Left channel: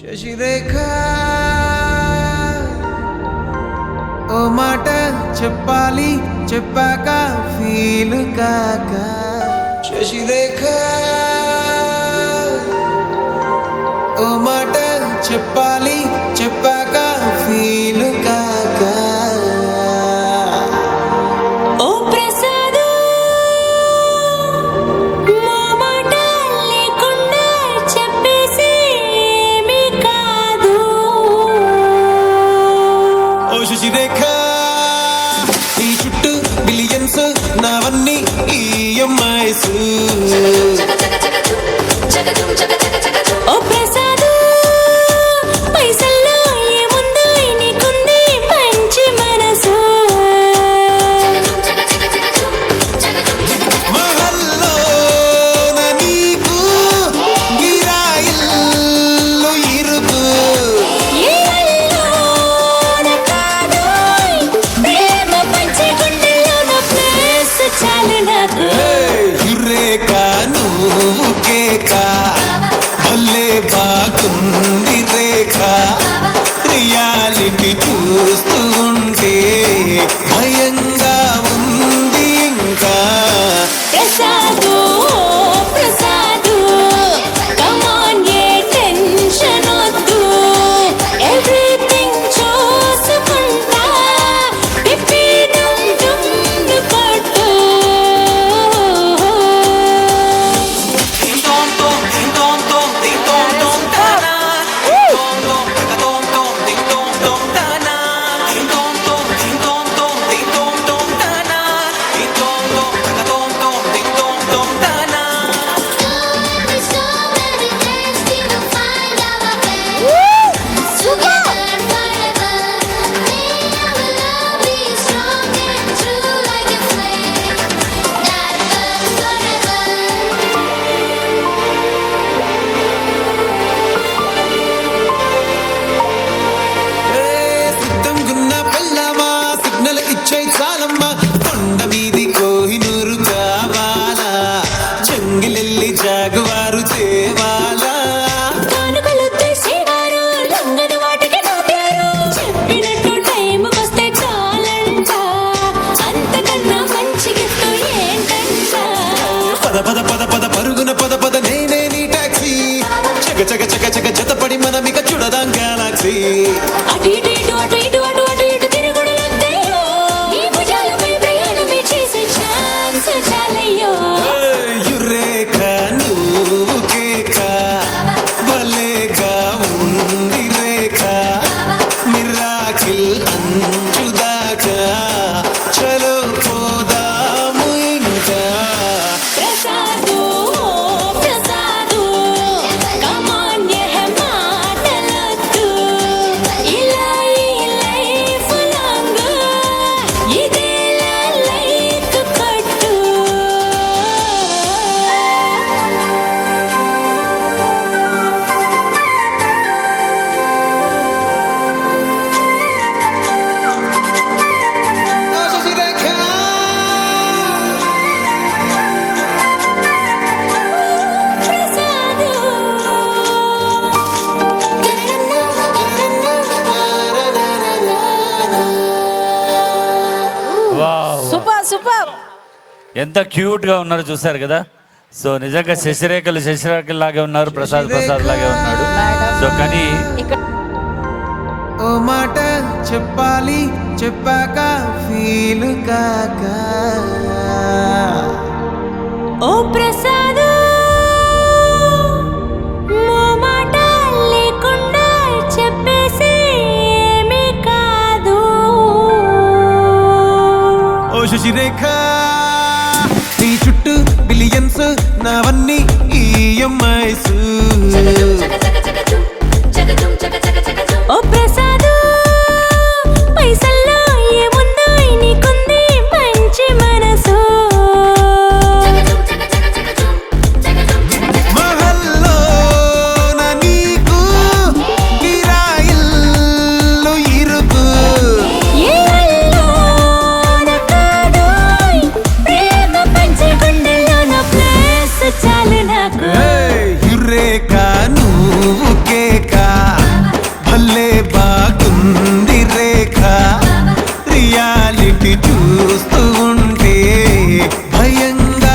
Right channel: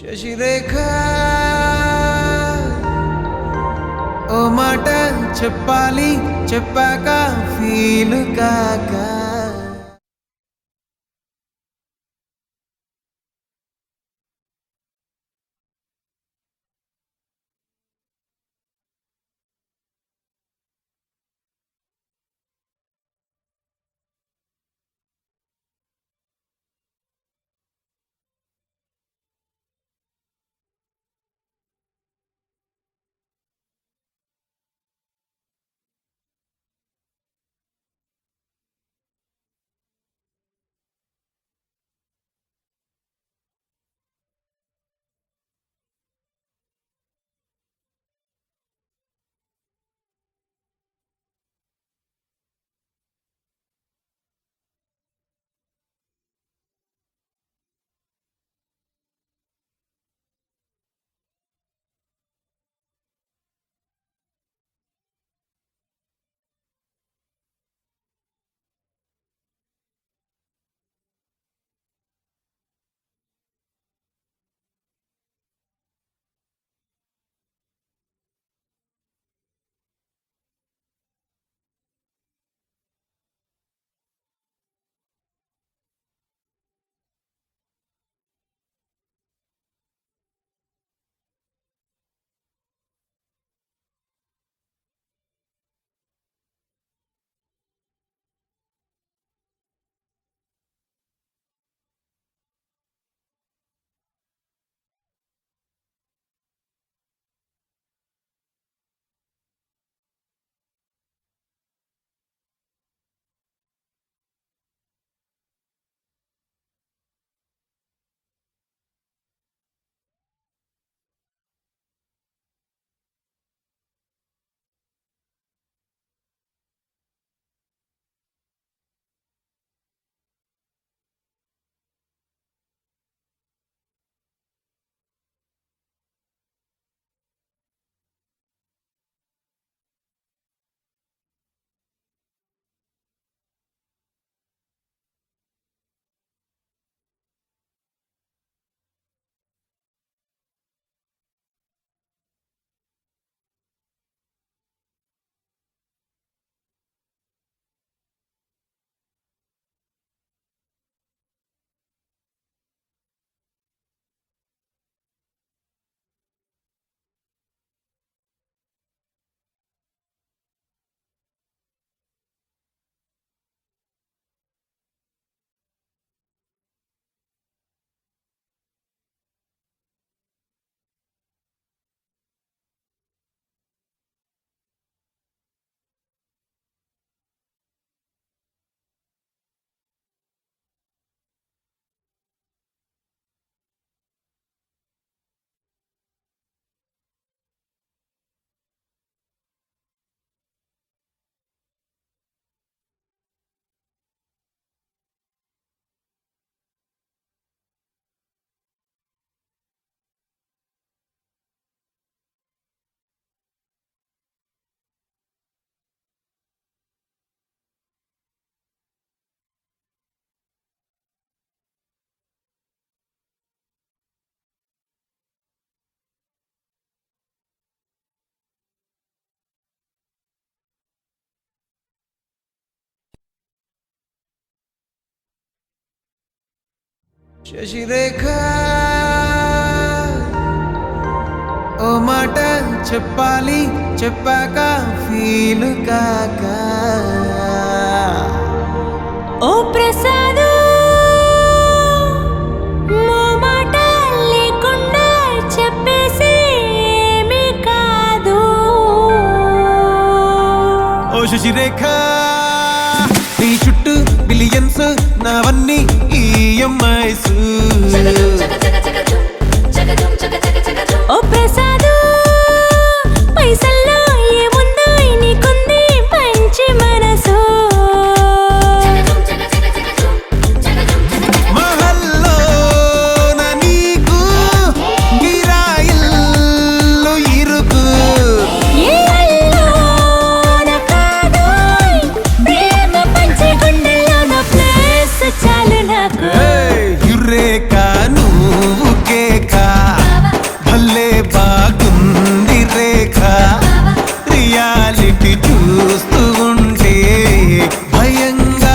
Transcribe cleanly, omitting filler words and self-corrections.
శశిరేఖ ఓ మాట చెప్పాలి చెప్పాక ఫీల్ కాక శశిరేఖ ఓ మాట చెప్పాలి చెప్పాక ఫీల్ కాక ఓ ప్రసాదు మా మాట లేకుండా చెప్పేసి ఏమీ కాదు. ఓ శశిరేఖ నీ చుట్టూ బిలియన్స్ నావన్నీ ఈఎంఐస్ ఓ ప్రసాదు పైసల్లో ఏముందో నీకుంది మంచి మనసు. మహల్లో నీకు గిరాయిల్లు ఇరుకు ఏ అల్లోన కాదోయ్ ప్రేమ పంచి గుండెల్లోన ప్లేస్ చాలు నాకు. యురేక నువ్వు కేక భలే బాగుంది రేఖ రియాలిటీ చూస్తూ ఉంటే భయంగా ఉంది ఇంకా Prasad Prasad come on A tension వద్దు ఎవ్రీథింగ్ చూసుకుంటా పిప్పి డుమ్ డుమ్ కొట్టు. సిద్ధంగున్న పల్లమా సిగ్నల్ ఇచ్చే చాలమ్మా కొండ మీది కోహినూరు కావాలా చెంగిలెల్లి జాగువారు తేవాలా కానుకలు తెసేవారు లంగని వాటికి నవ్వారు చెప్పినట్టు టైంకొస్తే చాలంట అంతకన్నా మంచి గిఫ్ట్ ఏంటంట. పద పద పద పద పరుగున పద పద నేనే నీ టాక్సీ చక చక చక చక జతపడి మనమిక చూడదాం గెలాక్సీ అటు ఇటు ఇటు అటు ఇటు అటు అటు ఇటు తిరుగుడు వద్దయ్యో ఈ భుజాలపై ప్రయాణమే చేసే ఛాన్స్ చాలయ్యో. యురేక నువ్వు కేక భలేగా ఉంది రేఖ మిరాకిల్ అంచుదాకా చలో పోదాము ఇంకా ప్రసాదు ప్రసాదు కమ్ ఆన్ ఏ మాటలొద్దు ఇలా ఈ లైఫ్ లాంగ్ ఇదేలా లైక్ కొట్టు. Sasirekha Prasad wow. Super super. ఎంత క్యూట్ గా ఉన్నారు చూసారు కదా. సో నిజంగా శశిరేఖలు లాగే ఉన్నారు, ప్రసాద్ లాగే ఉన్నాడు. సో కానీ ఓ మాట చెప్పాలి చెప్పాక ఫీల్ కాక ఓ ప్రసాదు మా మాట లేకుండా చెప్పేసి ఏమీ కాదు. ఓ శశిరేఖ నీ చుట్టూ బిలియన్స్ నావన్నీ ఈఎంఐస్ ఓ ప్రసాదు పైసల్లో ఏముందో నీకుంది మంచి మనసు. మహల్లో నీకు గిరాయిల్లు ఇరుకు ఏ అల్లోన కాదోయ్ ప్రేమ పంచి గుండెల్లోన ప్లేస్ చాలు నాకు. యురేక నువ్వు భలే బాగుంది రేఖ రియాలిటీ చూస్తూ ఉంటే భయంగా